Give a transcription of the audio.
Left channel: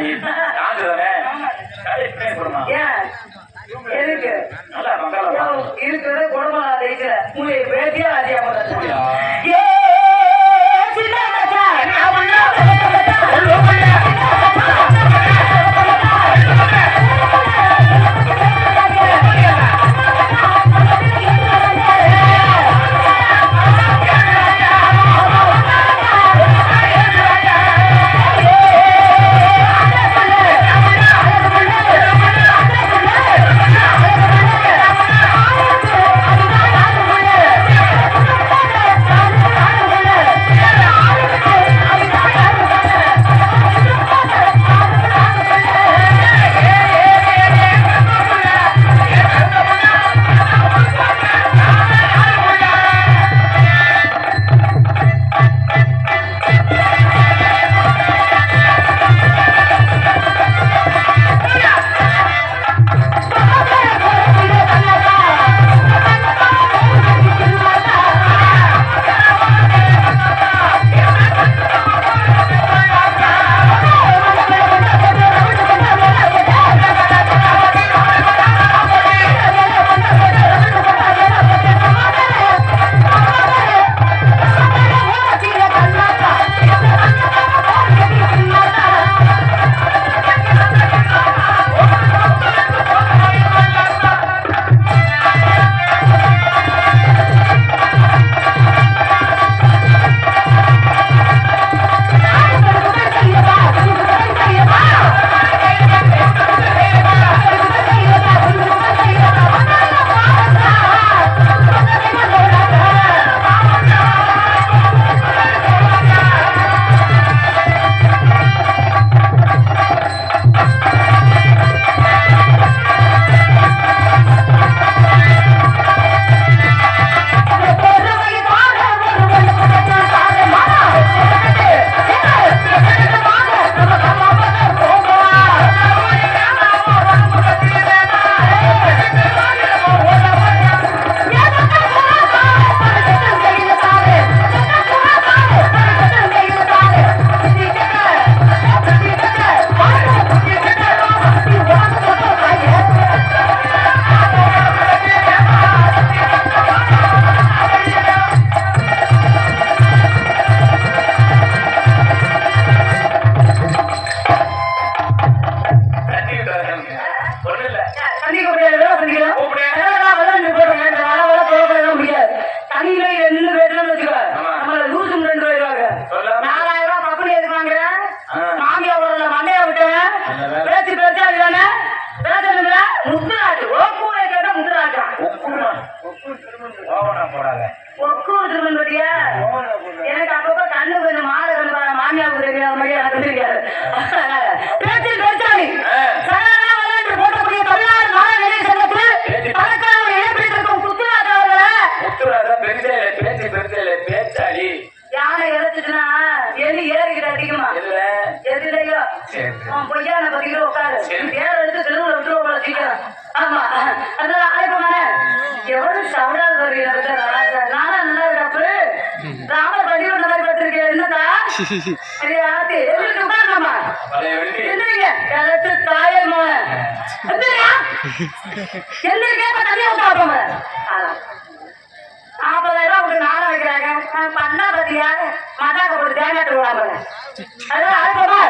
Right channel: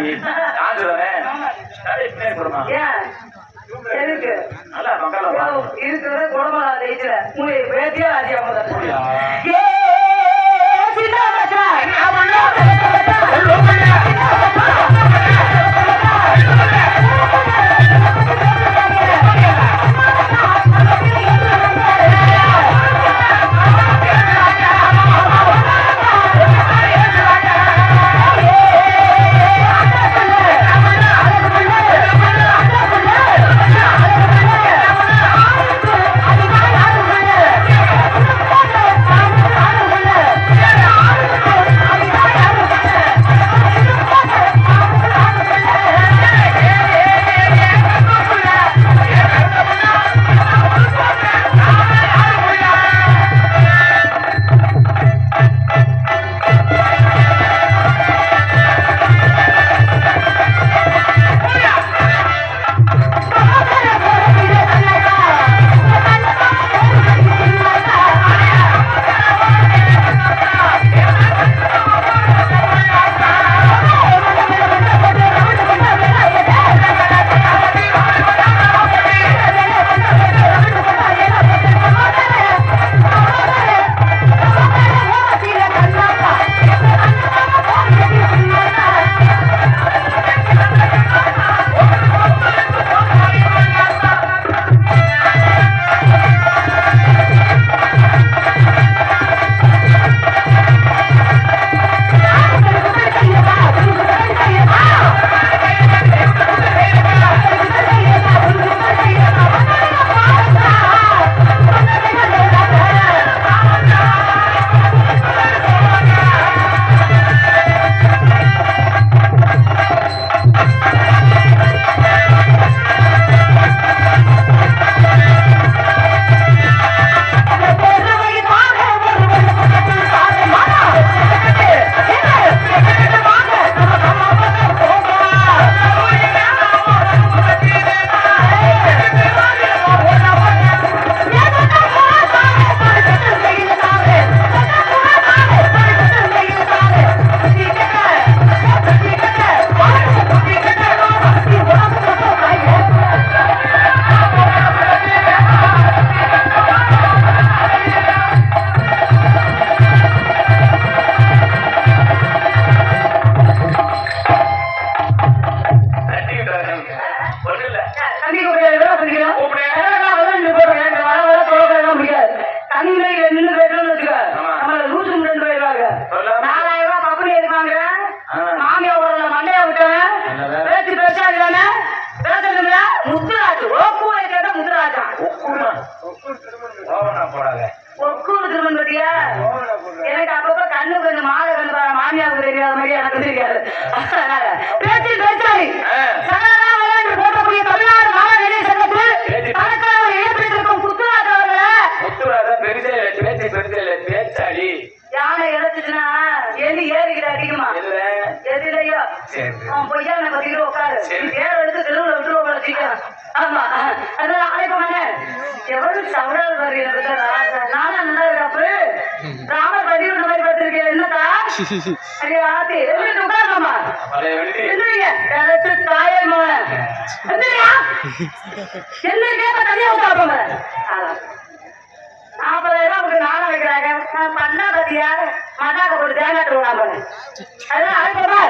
நீ ஆண்டு தானே கடைக்கு போடுமா இருக்கு நல்லா பங்காளம் இருக்கிறது குடமலா தேய்ச்சல உங்களை பேட்டியா அதிகமா போடுறியா எனக்கு அப்பப்ப கண்ணு கொஞ்சம் மாலை கொண்டு மாமியாவுக்கு தெரியாத மாதிரி எனக்கு தெரியாது. பேச்சில் பேச்சாளி போட்டக்கூடிய தமிழ்நாடு மாணவர்கள் சங்கத்தில் கணக்காளர் ஏற்றிருக்கும் முத்துராஜ் அவர்களே. முத்துராஜா பேச்சாளி யானை எடுத்துச்சுன்னா எலி ஏறிக்கிற அதிகமா எதிரையோ பொய்யா நம்ம பத்திக்கிட்டு உட்காரு ஏற எடுத்து தெருவில் விட்டு சீக்கிரம். ஆமா அதனால ஆயப்பமானே எவ்வளவு சவுடாது வருது எனக்கு ராஜா நானா நல்லா டாக்டரு ராம பதிவு இந்த மாதிரி பார்த்திருக்கேன். என்னக்கா உட்காரலாமா எந்திரிங்க எனக்கு தாயை மகன எந்திரியா எந்திரிக்க தனியா உட்காப்ப 40,000 உங்களுக்கு நாளை வைக்கிறாங்க. பண்ணா பத்தியா மதாக்க போட்டு தேங்காய் போட அதெல்லாம் அழைப்பமா